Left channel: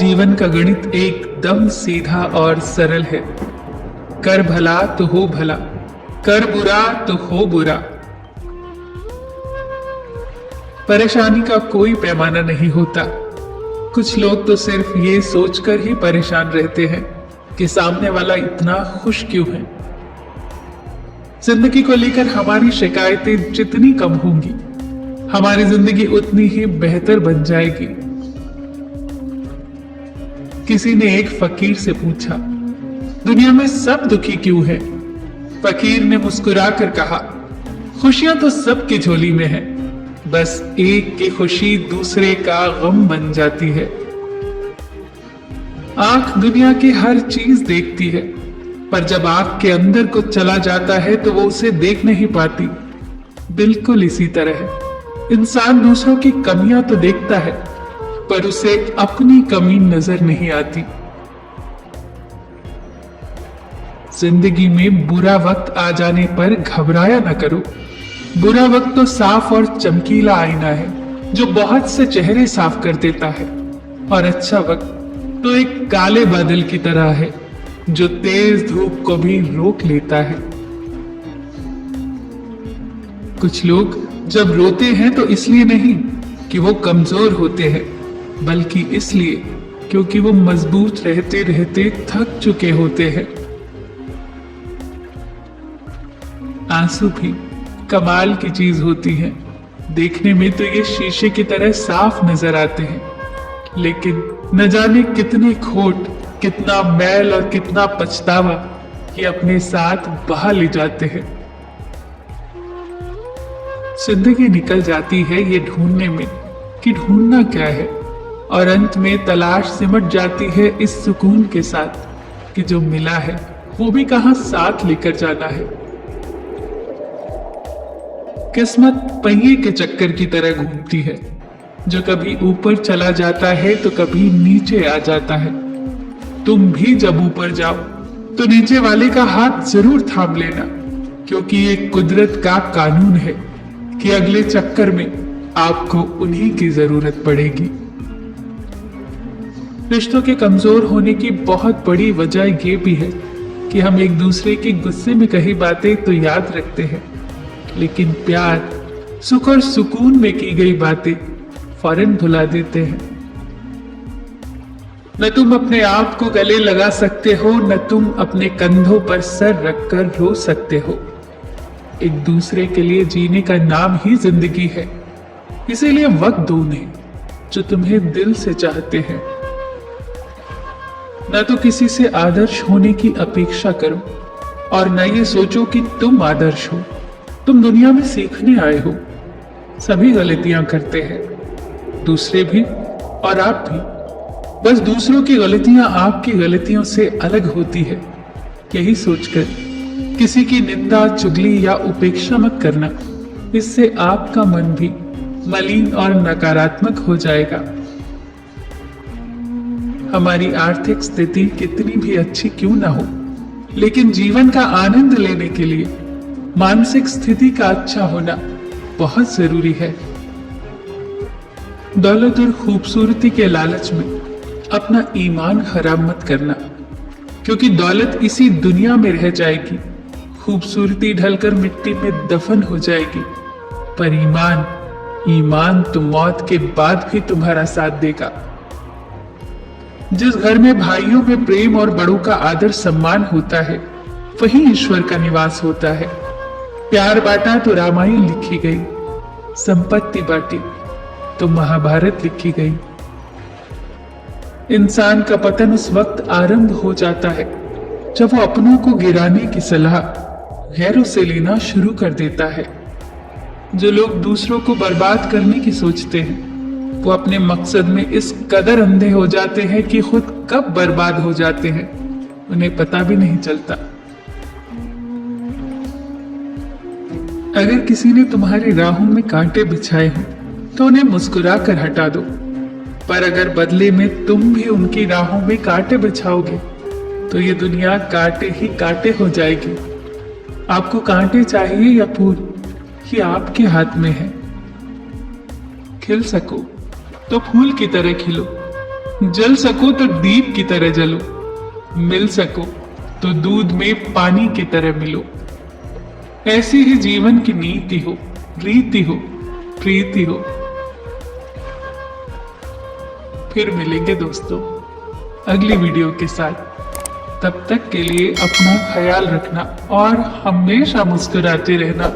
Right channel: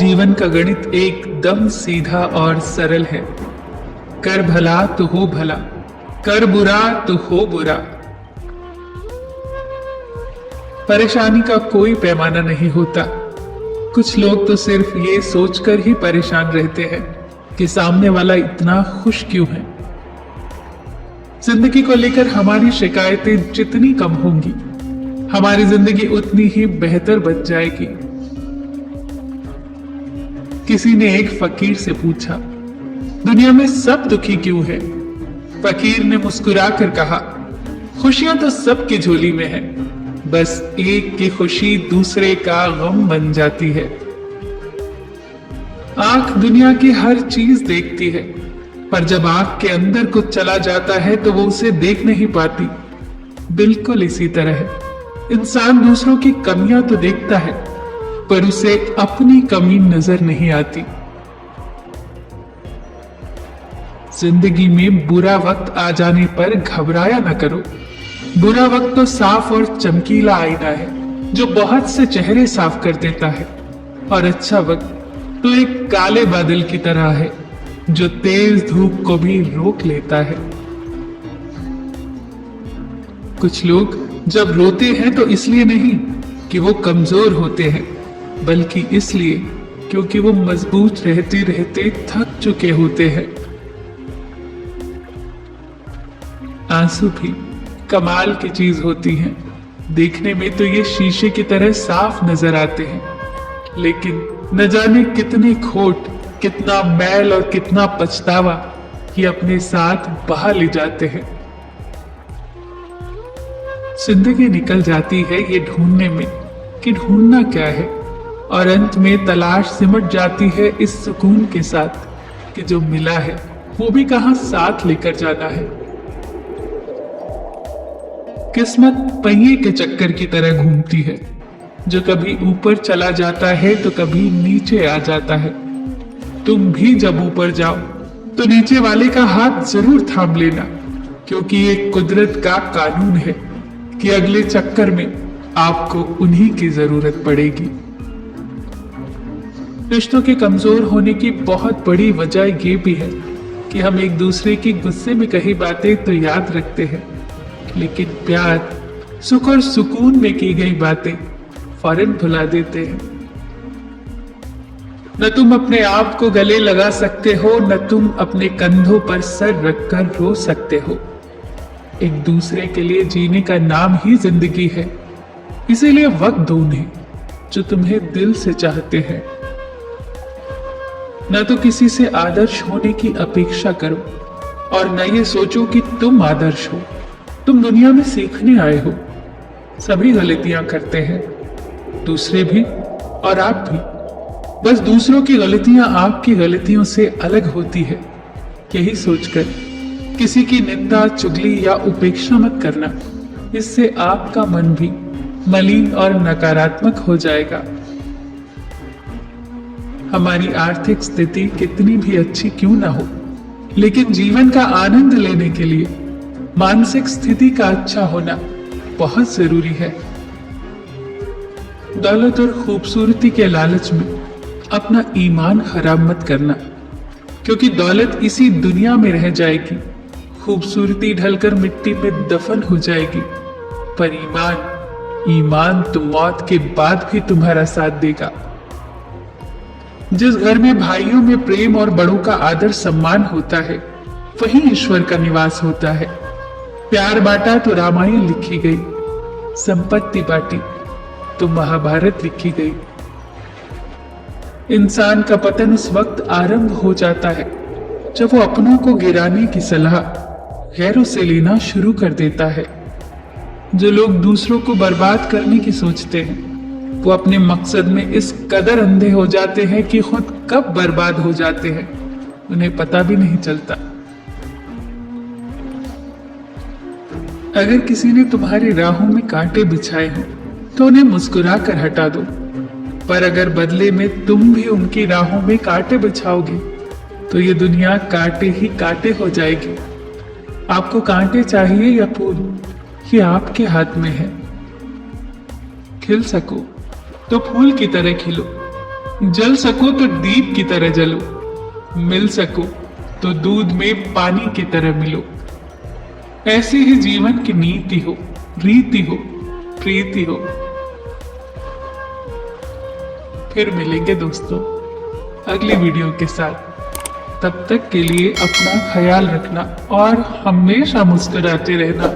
जीवन का गणित एकदम सीधा और सरल है। कर भला तो हो भला, कर बुरा तो हो बुरा। परेशानी का कोई पैमाना नहीं होता। कुछ लोग तो सिर्फ ये सोचकर ही परेशान रहते हैं कि सामने वाला इतना खुश क्यों है। जिंदगी को लेकर हमारी शिकायतें जितनी कम होगी, हमारी जिंदगी उतनी ही बेहतर बन जाएगी। किसी ने एक फकीर से पूछा, दुनिया में सब दुखी क्यों है? फकीर ने मुस्कुराकर कहा, खुशियां तो सबकी झोली में है, बस एक की खुशी दूसरे का गम बन जाती है। आंख दुनिया की हर चीज देखती है, पर जब आंख के अंदर कुछ चला जाता है तो वो उसे देख नहीं पाती। बिल्कुल इसी तरह है, इंसान दूसरों की कमियां तो देखता है, पर उसे अपनी कमी नजर नहीं आती। जिंदगी में बुरा वक्त आ जाने पर घबराया न करो। बुरा वक्त तो साफ और चमकीला आईना है जो बहुत से चेहरे साफ कर देता है, और अच्छा वक्त तो एक काले बादल की तरह है जो तेज धूप को भी रोक लेता है। कुछ लोग जब रोते हैं तो इसलिए नहीं कि वो कमजोर होते हैं, बल्कि इसलिए क्योंकि वो मजबूत रहते रहते थक चुके होते हैं। आंसू भी कमाल की चीज होती है। देखने में तो ये शीशे की तरह साफ नजर आते हैं, लेकिन न जाने कितने खोट, कितना मैल और कितना पछतावा ये अपने साथ बहा ले जाते हैं। जिंदगी निकल जाती है ये ढूंढने में कि ढूंढना क्या है, और अंत में तलाश सिमट जाती है इस सुकून के साथ कि जो मिला है वो भी कहां साथ लेकर जाना है। किस्मत पहिए के चक्कर की तरह घूमती है, जो कभी ऊपर चला जाता है तो कभी नीचे आ जाता है। तुम भी जब ऊपर जाओ तो नीचे वाले का हाथ जरूर थाम लेना, क्योंकि ये कुदरत का कानून है कि अगले चक्कर में आपको उन्हीं की जरूरत पड़ेगी। रिश्तों के कमजोर होने की बहुत बड़ी वजह ये भी है कि हम एक दूसरे के गुस्से में कही बातें तो याद रखते हैं, लेकिन प्यार, सुख और सुकून में की गई बातें फौरन भुला देते हैं। न तुम अपने आप को गले लगा सकते हो, न तुम अपने कंधों पर सर रखकर रो सकते हो। एक दूसरे के लिए जीने का नाम ही जिंदगी है, इसीलिए वक्त दो उन्हें जो तुम्हें दिल से चाहते हैं। न तो किसी से आदर्श होने की अपेक्षा करो, और न ये सोचो कि तुम आदर्श हो। तुम दुनिया में सीखने आए हो। सभी गलतियां करते हैं, दूसरे भी और आप भी। बस दूसरों की गलतियां आपकी गलतियों से अलग होती है, यही सोचकर किसी की निंदा, चुगली या उपेक्षा मत करना। इससे आपका मन भी मलिन और नकारात्मक हो जाएगा। हमारी आर्थिक स्थिति कितनी भी अच्छी क्यों ना हो, लेकिन जीवन का आनंद लेने के लिए मानसिक स्थिति का अच्छा होना बहुत जरूरी है। दौलत और खूबसूरती के लालच में अपना ईमान खराब मत करना, क्योंकि दौलत इसी दुनिया में रह जाएगी, खूबसूरती ढलकर मिट्टी में दफन हो जाएगी, पर ईमान तो मौत के बाद भी तुम्हारा साथ देगा। जिस घर में भाइयों में प्रेम और बड़ों का आदर सम्मान होता है, वहीं ईश्वर का निवास होता है। प्यार बांटा तो रामायण लिखी गई, संपत्ति बांटी तो महाभारत लिखी गई। इंसान का पतन उस वक्त आरंभ हो जाता है जब वो अपनों को गिराने की सलाह गैरों से लेना शुरू कर देता है। जो लोग दूसरों को बर्बाद करने की सोचते हैं, वो अपने मकसद में इस कदर अंधे हो जाते हैं कि खुद कब बर्बाद हो जाते हैं उन्हें पता भी नहीं चलता। अगर किसी ने तुम्हारी राहों में कांटे बिछाए हो तो उन्हें मुस्कुरा कर हटा दो, पर अगर बदले में तुम भी उनकी राहों में कांटे बिछाओगे तो ये दुनिया कांटे ही कांटे हो जाएगी। आपको कांटे चाहिए या फूल, ये आपके हाथ में है। खिल सको तो फूल की तरह खिलो, जल सको तो दीप की तरह जलो, मिल सको तो दूध में पानी की तरह मिलो। ऐसी ही जीवन की नीति हो, रीति हो, प्रीति हो। फिर मिलेंगे दोस्तों अगली वीडियो के साथ। तब तक के लिए अपना ख्याल रखना और हमेशा मुस्कुराते रहना।